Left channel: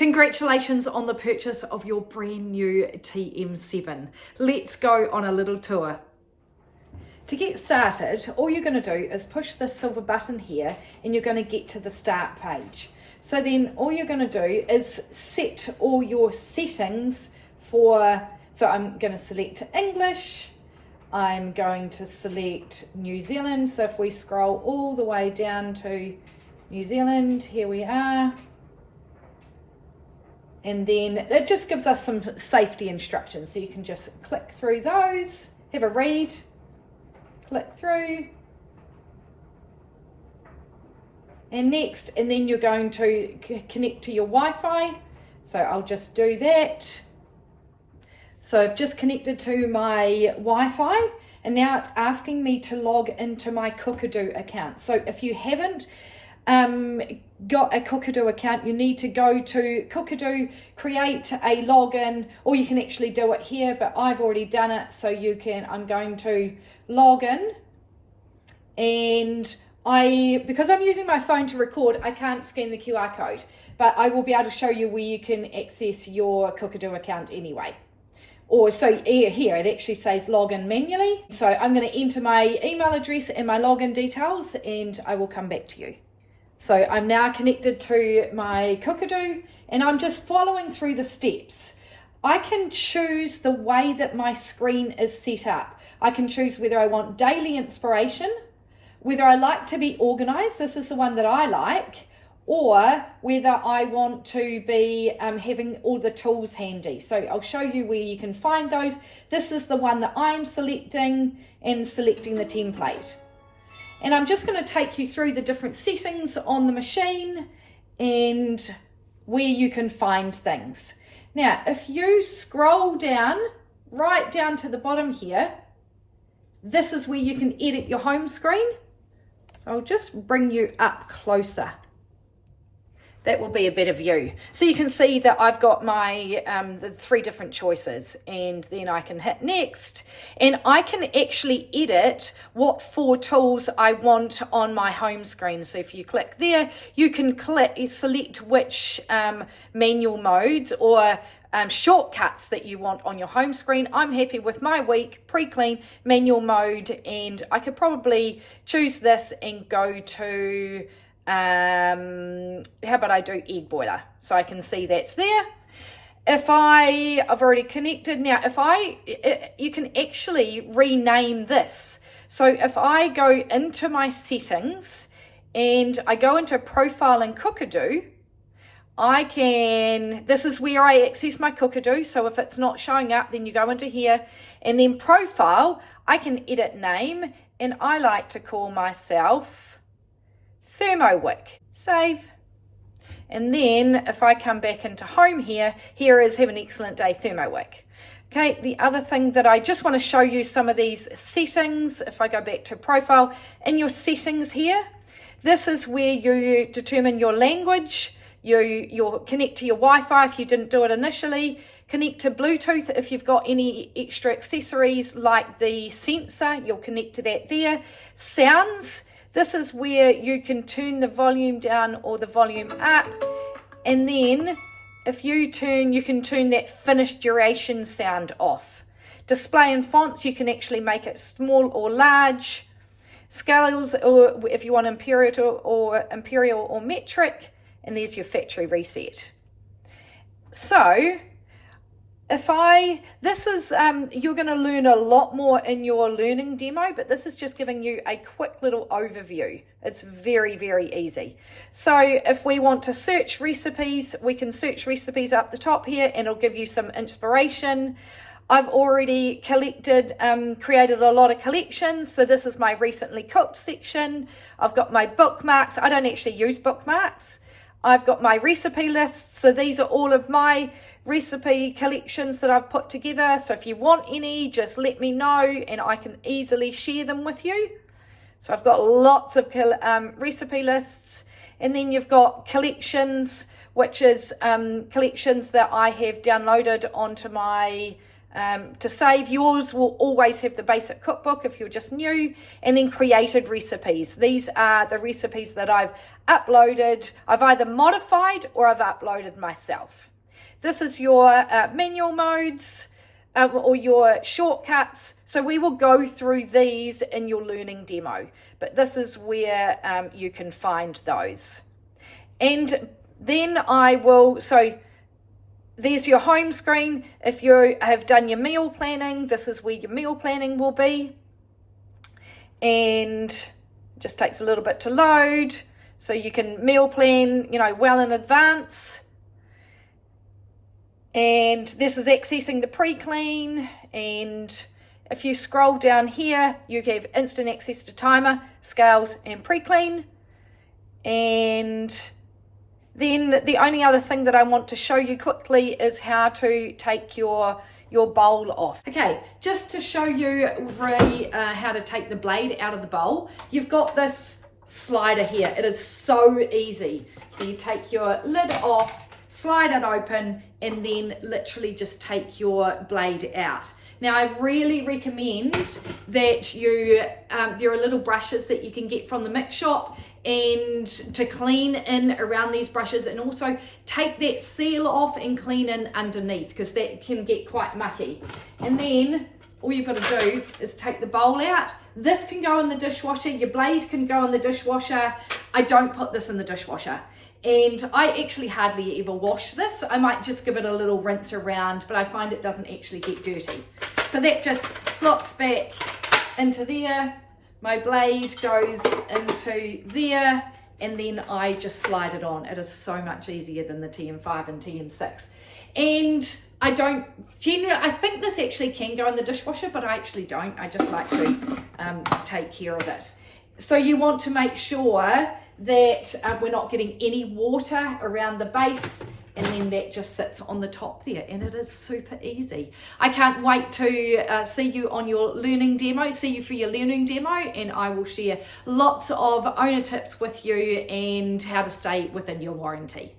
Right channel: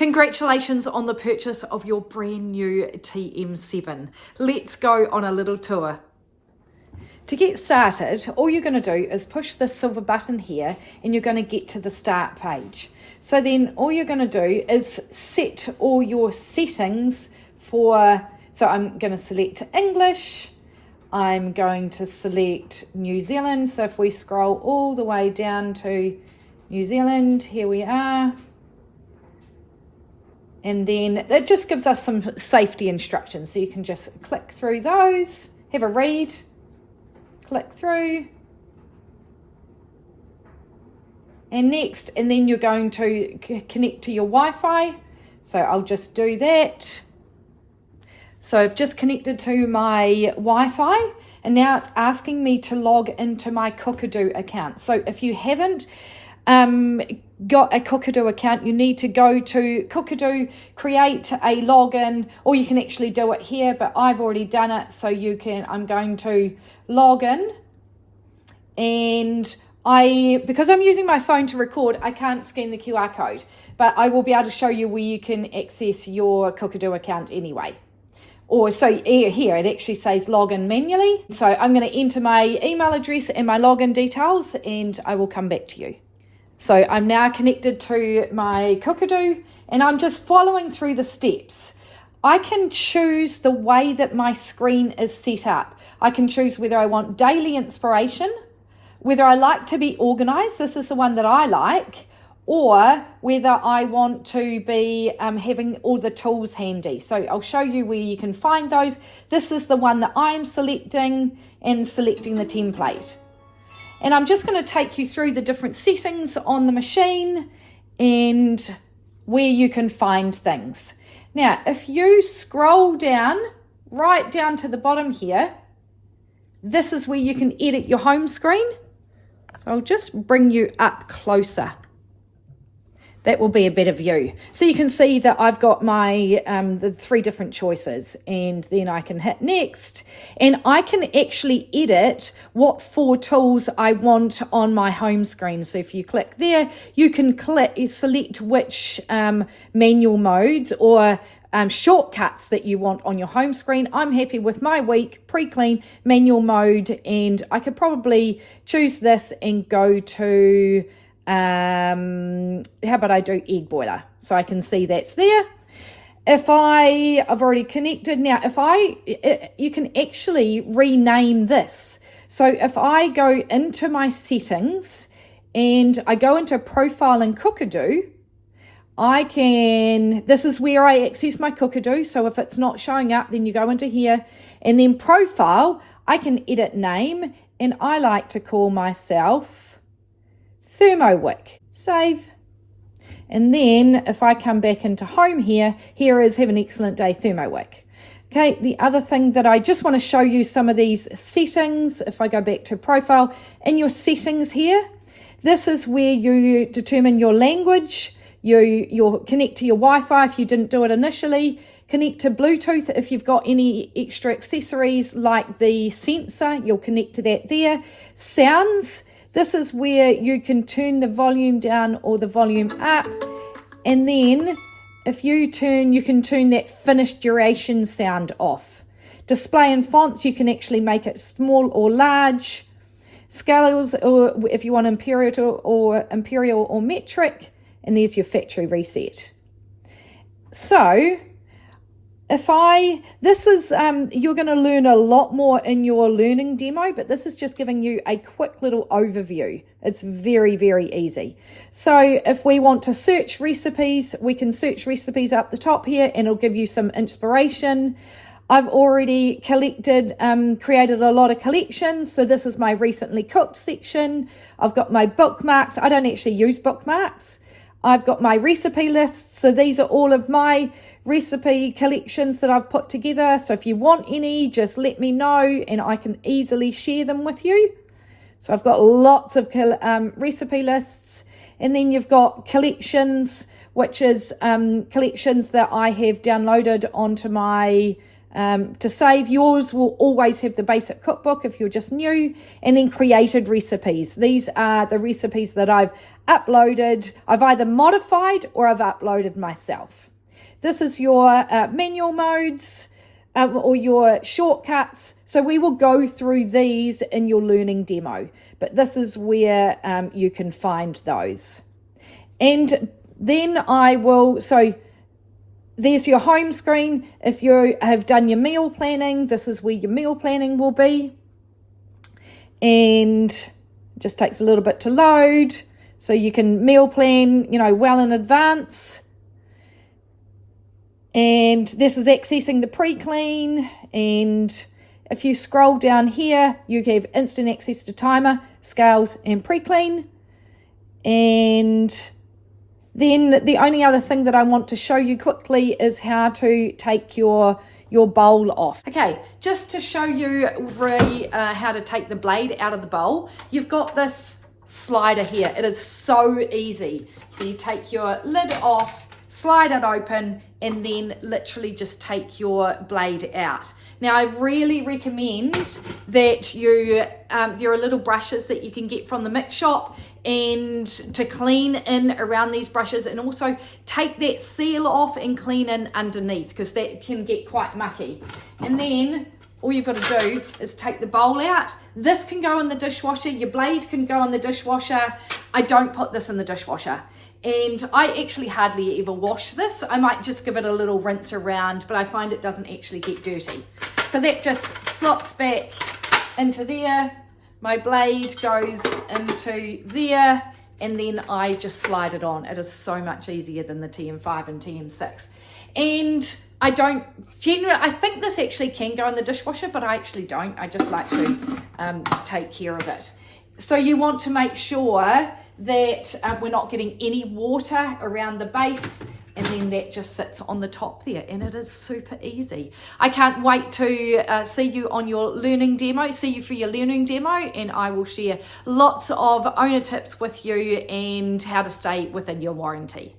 Congratulations on the purchase of your brand new TM7. Let's go on a little tour. To get started, all you're going to do is push this silver button here and you're going to get to the start page. So then all you're going to do is set all your settings for, so I'm going to select English, I'm going to select New Zealand. So if we scroll all the way down to New Zealand, here we are. And then it just gives us some safety instructions. So you can just click through those, have a read, click through. And next, and then you're going to connect to your Wi-Fi. So I'll just do that. So I've just connected to my Wi-Fi and now it's asking me to log into my Cookadoo account. So if you haven't got a Cookadoo account, you need to go to Cookadoo, create a login, or you can actually do it here, but I've already done it. So I'm going to log in, and because I'm using my phone to record, I can't scan the QR code, but I will be able to show you where you can access your Cookadoo account anyway. Or so here it actually says login manually. So I'm going to enter my email address and my login details, and I will come back to you. So I'm now connected to my Cookadoo and I'm just following through the steps. I can choose the way that my screen is set up. I can choose whether I want daily inspiration, whether I like to be organized, this is the one that I like, or whether I want to be having all the tools handy. So I'll show you where you can find those. This is the one that I'm selecting and selecting the template. And I'm just going to take you through the different settings on the machine and where you can find things. Now, if you scroll down, right down to the bottom here, this is where you can edit your home screen. So I'll just bring you up closer. That will be a better view. So you can see that I've got my the 3 different choices, and then I can hit next, and I can actually edit what 4 tools I want on my home screen. So if you click there, you can select which manual modes or shortcuts that you want on your home screen. I'm happy with my week, pre-clean, manual mode, and I could probably choose this and go to how about I do egg boiler, so I can see that's there. If I've already connected now, you can actually rename this. So if I go into my settings and I go into profile in Cookadoo, this is where I access my Cookadoo. So if it's not showing up, then you go into here, and then profile, I can edit name, and I like to call myself Thermowick. Save. And then if I come back into home here is have an excellent day, Thermowick. Okay, the other thing that I just want to show you some of these settings. If I go back to profile, in your settings here, this is where you determine your language. You'll connect to your Wi-Fi if you didn't do it initially. Connect to Bluetooth if you've got any extra accessories like the sensor, you'll connect to that there. Sounds. This is where you can turn the volume down or the volume up. And then if you can turn that finished duration sound off. Display and fonts, you can actually make it small or large. Scales, or if you want imperial or metric. And there's your factory reset. So you're going to learn a lot more in your learning demo, but this is just giving you a quick little overview. It's very, very easy. So if we want to search recipes, we can search recipes up the top here, and it'll give you some inspiration. I've already created a lot of collections. So this is my recently cooked section. I've got my bookmarks. I don't actually use bookmarks. I've got my recipe lists. So these are all of my recipe collections that I've put together. So if you want any, just let me know and I can easily share them with you. So I've got lots of recipe lists, and then you've got collections, which is collections that I have downloaded onto my to save. Yours will always have the basic cookbook if you're just new, and then created recipes. These are the recipes that I've uploaded, I've either modified or I've uploaded myself. This is your manual modes or your shortcuts. So we will go through these in your learning demo, but this is where you can find those. And then so there's your home screen. If you have done your meal planning, this is where your meal planning will be. And it just takes a little bit to load. So you can meal plan, well in advance. And this is accessing the pre-clean. And if you scroll down here, you have instant access to timer, scales, and pre-clean. And then the only other thing that I want to show you quickly is how to take your bowl off. Okay, just to show you really how to take the blade out of the bowl, you've got this slider here. It is so easy. So you take your lid off, slide it open, and then literally just take your blade out. Now, I really recommend that there are little brushes that you can get from the mix shop, and to clean in around these brushes, and also take that seal off and clean in underneath, because that can get quite mucky. And then all you've got to do is take the bowl out. This can go in the dishwasher, your blade can go in the dishwasher. I don't put this in the dishwasher. And I actually hardly ever wash this. I might just give it a little rinse around, but I find it doesn't actually get dirty. So that just slots back into there. My blade goes into there, and then I just slide it on. It is so much easier than the TM5 and TM6. And I think this actually can go in the dishwasher, but I actually don't. I just like to take care of it. So you want to make sure that we're not getting any water around the base, and then that just sits on the top there, and it is super easy. I can't wait to see you for your learning demo, and I will share lots of owner tips with you and how to stay within your warranty.